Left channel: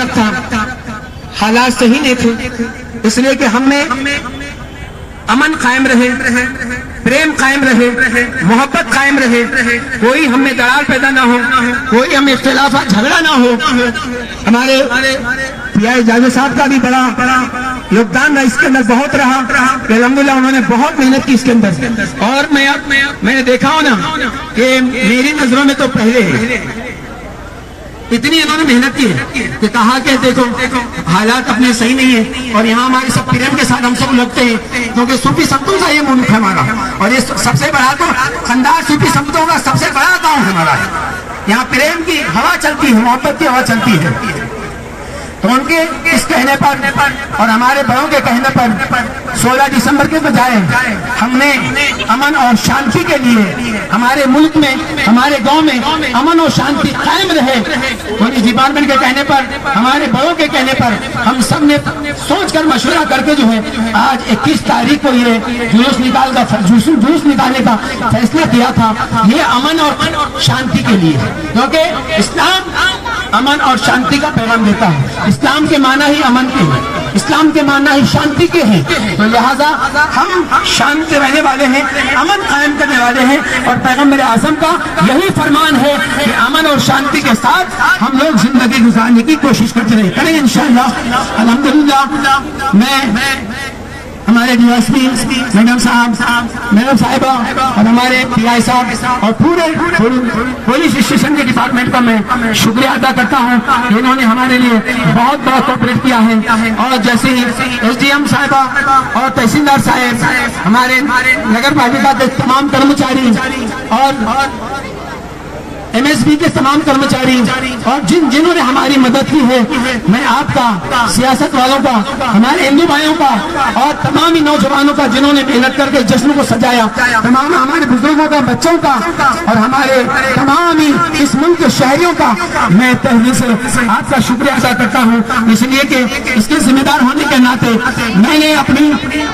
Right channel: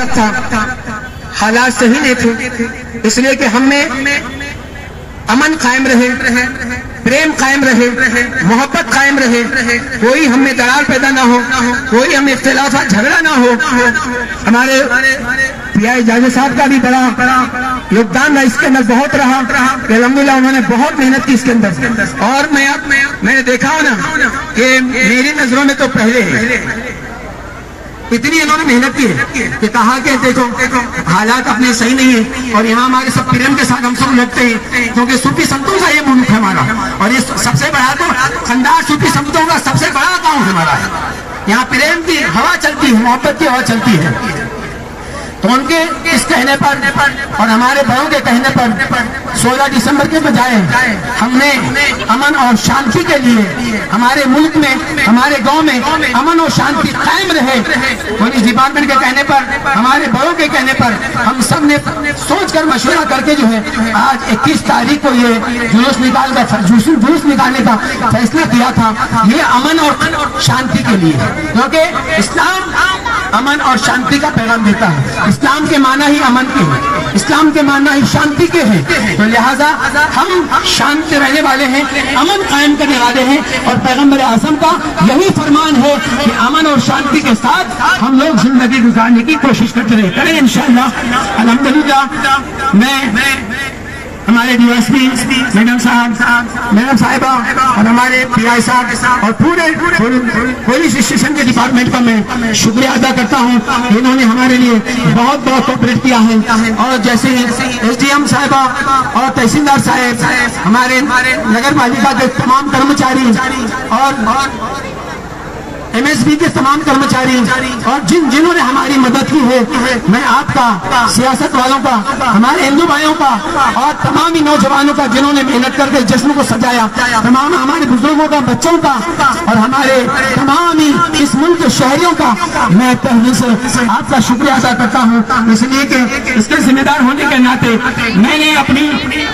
حالت تھا، حالات صحیح نہیں تھے، اس لیے کہ ہم میں امن قائم رہے، پریم قائم رہے، محبت قائم رہے، کوئی ہم میں دراڑ پیدا نہ ہو، کوئی ہم میں اختلافات جھگڑا نہ ہو۔ ہمارے پی آئی جاوید صاحب کا بھی بڑا یوگدان رہا اس کے اندر، بہت رہا کہ الحمدللہ انہوں نے بہت محنت کی اس کے اندر، اور میں نے دیکھا ہوں نا کہ میری نظروں میں تو پہلے اتنی انہوں نے محنت کی ہے کہ کہا کہ دیکھو حالات اپنے صحیح نہیں ہیں، اور یہاں ہمارے سب پریم کے ساتھ ہم سب لگتے ہیں، کیونکہ صوفی سنتوں کا یہ ملک ہے ہمارا، اور یہ سب سے بڑا تو خاندان صوفی سنتوں کا سب سے بڑا گاؤں ہے ہمارا، یہاں پریم کی ہوا چلتی ہے، محبت کی ہوا چلتی ہے۔ تو ان کے اس کہنے پر اور ہمارے بڑوں کے کہنے پر 16 دسمبر کے بجائے ہم نے امن اور شانتی کے لیے ہمارے ملک میں، ہمارے گاؤں میں امن اور شانتی قائم رہے، پولیس ڈپارٹمنٹ کے کہنے پر، ہمارے بڑوں کے کہنے پر ہم سب نے سوچ کر مشورہ کر کے جو ہے آج 21 تاریخ کو یہ جلوس نکالنے کا فیصلہ کیا تھا۔ یہ امن اور شانتی کے لیے، کیونکہ اسلام امن اور شانتی کا پیغام دیتا ہے، اسلام کے معنی ہی امن کے ہیں، اسلام کے معنی ہی شانتی کے ہیں، تو لہذا ہم شانت رہنے والے ہیں، امن قائم کرنے والے ہیں، اور پیغمبر اعظم کا یہی فرمان ہے کہ امن اور شانتی کے ساتھ ہم لوگ زندگی گزارنے کی کوشش کرتے رہے کریں انشاءاللہ۔ الحمدللہ میں ہمارے ڈی ایس پی میڈم صاحبہ اور ہمارے پی آئی صاحب اور پورے پولیس اسٹیشن کے ڈپارٹمنٹ کا میں شکریہ ادا کرتا ہوں، انہوں نے ہمارے لیے بہت بہت کوپریٹ کیا ہے، اور جیسے ہی ایس ڈی ایم صاحبہ اور تحصیلدار صاحب، ہمارے نگر پالیکا کے تمام کرمچاری اور ایم ایس بی کے تمام کرمچاری اور جنہوں نے ہماری مدد کی ہے، میں آپ کا، سیاست والوں کا، ہمارے ہندو بھائیوں کا اور تمام ہی نوجوانوں کا جنہوں نے محنت کر کے جشن کو سجایا، تمام ہمارے بزرگوں کا، بچوں کا اور ہمارے تمام ہی اس ملک کے شہریوں کا میں تہہ سے آپ کا شکریہ ادا کرتا ہوں، اس لیے کہ اس کے ذمہ دار ہونے کے ناطے میں نے اپنی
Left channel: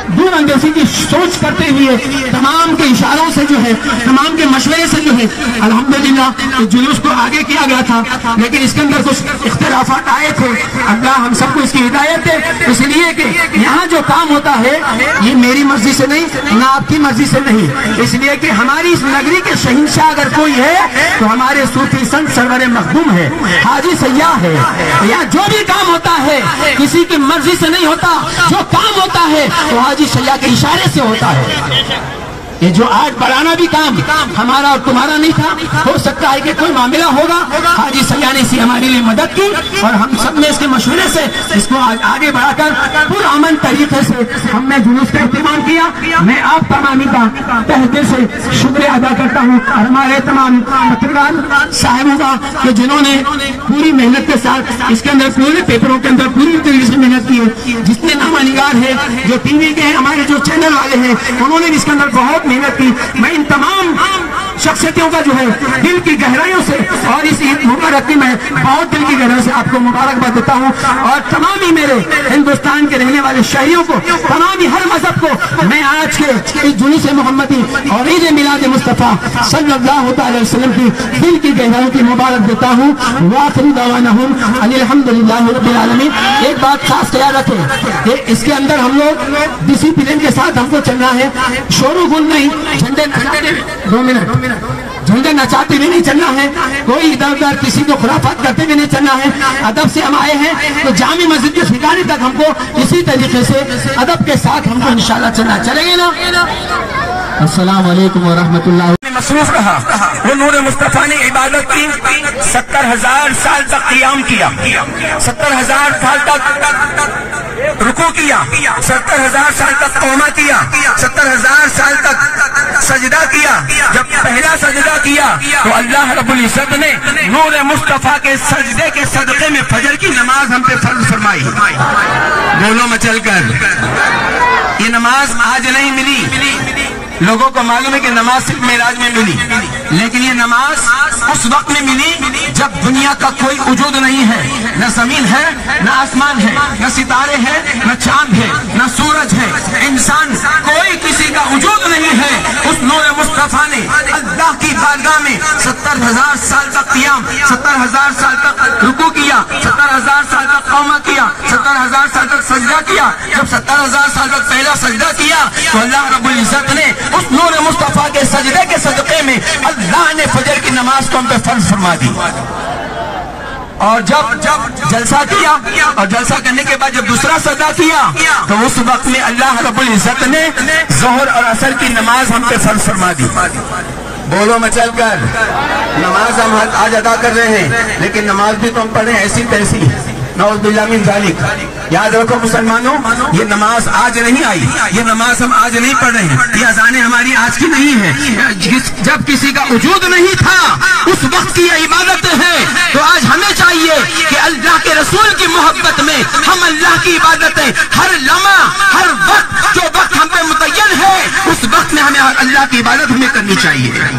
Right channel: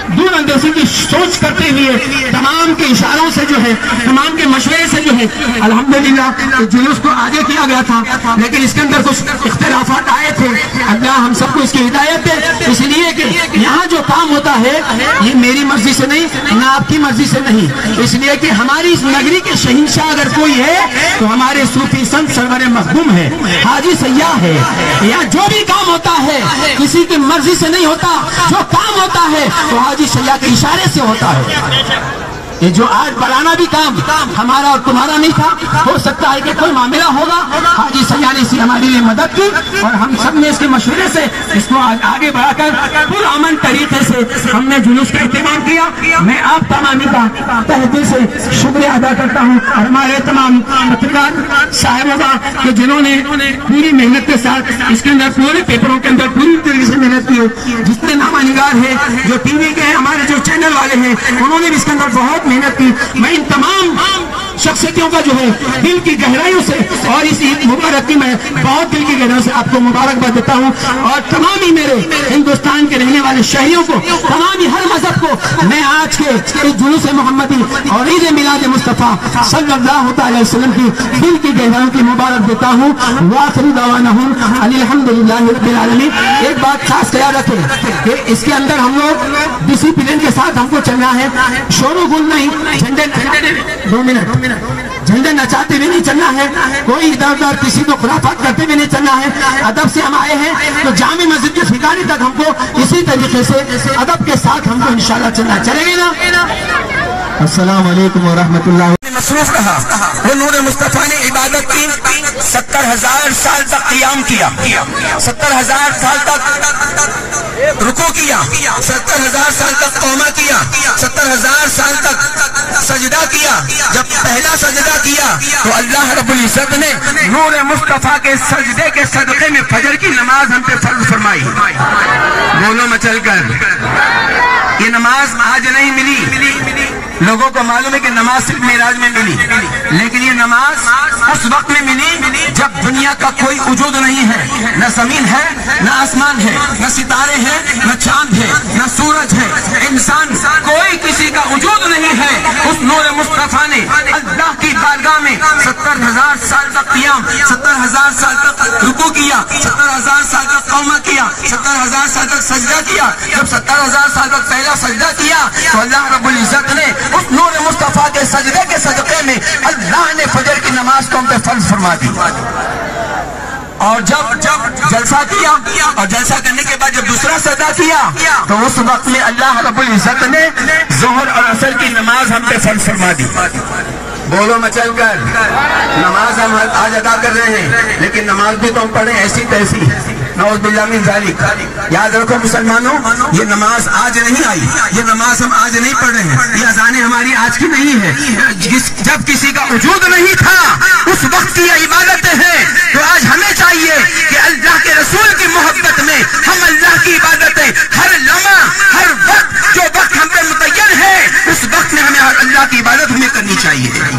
دور اندیشی کی سوچ کرتے ہوئے تمام کے اشاروں سے جو ہے، تمام کے مشورے سے جو ہے الحمدللہ جلوس کو آگے کیا گیا تھا، لیکن اس کے اندر کچھ اختلافات آئے تھے، اللہ ہم سب کو اس کی ہدایت دے، اس لیے کہ یہاں جو کام ہوتا ہے یہ میری مرضی سے نہیں، نہ آپ کی مرضی سے نہیں، اس لیے کہ ہماری اس نگری کے شہنشاہ اگر کوئی ہے تو ہمارے صوفی سنت سرور مخدوم ہے، حاجی سیاح ہے، یہاں جو بھی کام ہوتا ہے کسی کی مرضی سے نہیں ہوتا، جو کام ہوتا ہے وہ حاجی سیاح کے اشارے سے ہوتا ہے۔ یہ جو آج بڑھانا بھی کام ہمارا اور تمہارا نہیں تھا، ہو سکتا ہے کہ کوئی معاملہ ہوگا، حاجی سیاح نے اسی ہماری لیے مدد کی اور ہم سب نے اس کے مشورے سے اس کو آگے بڑھا کر پرامن طریقے سے ہم نے جلوس کا اہتمام کیا۔ میں آپ تمام کا تہ دل سے شکریہ ادا کرتا ہوں، اور ہمارے تمام پترکار صاحبہ کہ جنہوں نے پوری محنت کے ساتھ اس کے اندر پورے پیپروں کے اندر پوری طریقے سے محنت کی ہے، جتنے نامہ نگار ہیں، جو ٹی وی کے ہیں، ہمارے جو چینل والے ہیں، انہوں نے بھی اس کے اندر بہت محنت کی۔ میں ان تمام شخصیتوں کا جو ہے دل کی گہرائیوں سے اور اس عید مبارک کی میں بہت دل کی گہرائیوں سے آپ کو مبارکباد دیتا ہوں، اور تمام ہی میرے ہندوستان کے رہنے والے شہریوں کو، تمام ہی ہر مذہب کو میں آج کے اس جلوس محمدی اور عید میلاد مصطفیٰ صلی اللہ تعالی وسلم کی دل کی گہرائیوں کی مبارک دیتا ہوں۔ وآخر دعوانا الحمدللہ رب العالمین۔ ایک بات خاص خیال رکھیں کہ اس کے اندر ہم لوگ ڈسپلن کے ساتھ ہم کو چلنا ہے، شور و گل نہیں، جھنڈے 2 منٹ جھنڈے نچاتے بھی نہیں چلنا ہے، کوئی ادھر ادھر کسی کو خرافات کرتے بھی نہیں چلنا ہے، ادب سے ہم آئے ہیں تو جامع مسجد کے ٹھکانے تک ہم کو اسی طریقے سے ادب کے ساتھ ہم کو انشاءاللہ چلنا چلیں گے نا۔ السلام علیکم ورحمۃ اللہ۔ مصروف رہا، نور مصطفیٰ نے عبادت کی، 70,000 سال تک قیام کیا، 70,000 سال تک رکوع کیا، 70,000 سال تک قوما کیا، 70,000 سال تک سجدہ کیا۔ جب پہلا سجدہ کیا تو اللہ رب العزت نے نور مصطفیٰ کے سجدے کے صدقے میں فجر کی نماز ہم پہ فرض فرمائی۔ بولو مچل کر، یہ نماز آج نہیں ملی، لوگوں کو معلوم ہے کہ نماز صرف معراج میں ملی، لیکن یہ نماز اس وقت میں ملی جب دنیا کا کوئی وجود نہیں ہے، نہ زمین ہے، نہ آسمان ہے، نہ ستارے ہیں، نہ چاند ہے، نہ سورج ہے، انسان کوئی کسی کا وجود نہیں ہے۔ اس نور مصطفیٰ نے اللہ کی بارگاہ میں 70,000 سال تک قیام، 70,000 سال تک رکوع کیا، 70,000 70,000 سال تک قوما کیا، 70,000 سال تک سجدہ کیا. جب 70,000 سال تک پہلا سجدہ کیا تو اللہ رب العزت نے اس نور مصطفیٰ کے سجدے کے صدقے میں اللہ نے فجر کی نماز کو ہم پہ فرض فرما دی. اور جب جلسہ کیا اور جلسہ کرنے کے بعد جب دوسرا سجدہ کیا تو اس وقت میں اللہ رب العزت نے ظہر اور عصر کی نماز ہم پہ فرض فرما دی. بولو مچل کر، نماز ہم آج ادا کر رہے ہیں لیکن نماز بھی تو ہم پڑھیں ایسی تیسی، نعوذ باللہ من ذالک. یاد رکھو مسلمانوں، یہ نماز آج نہیں آئی، یہ نماز ہم آج نہیں پڑھ رہے ہیں، یہ اذانیں ہماری آج کی نہیں ہے. جب کسی کا وجود نہیں تھا اس وقت کی یہ عبادتیں ہیں. تو آج ہمیں چاہیے کہ اللہ کے رسول کی محبت میں ہم اللہ کی عبادتیں ہر لمحہ ہر وقت جو وقت ہم پہ متعین ہے اس وقت میں ہمیں اللہ کی عبادت ہمیں کرنی چاہیے.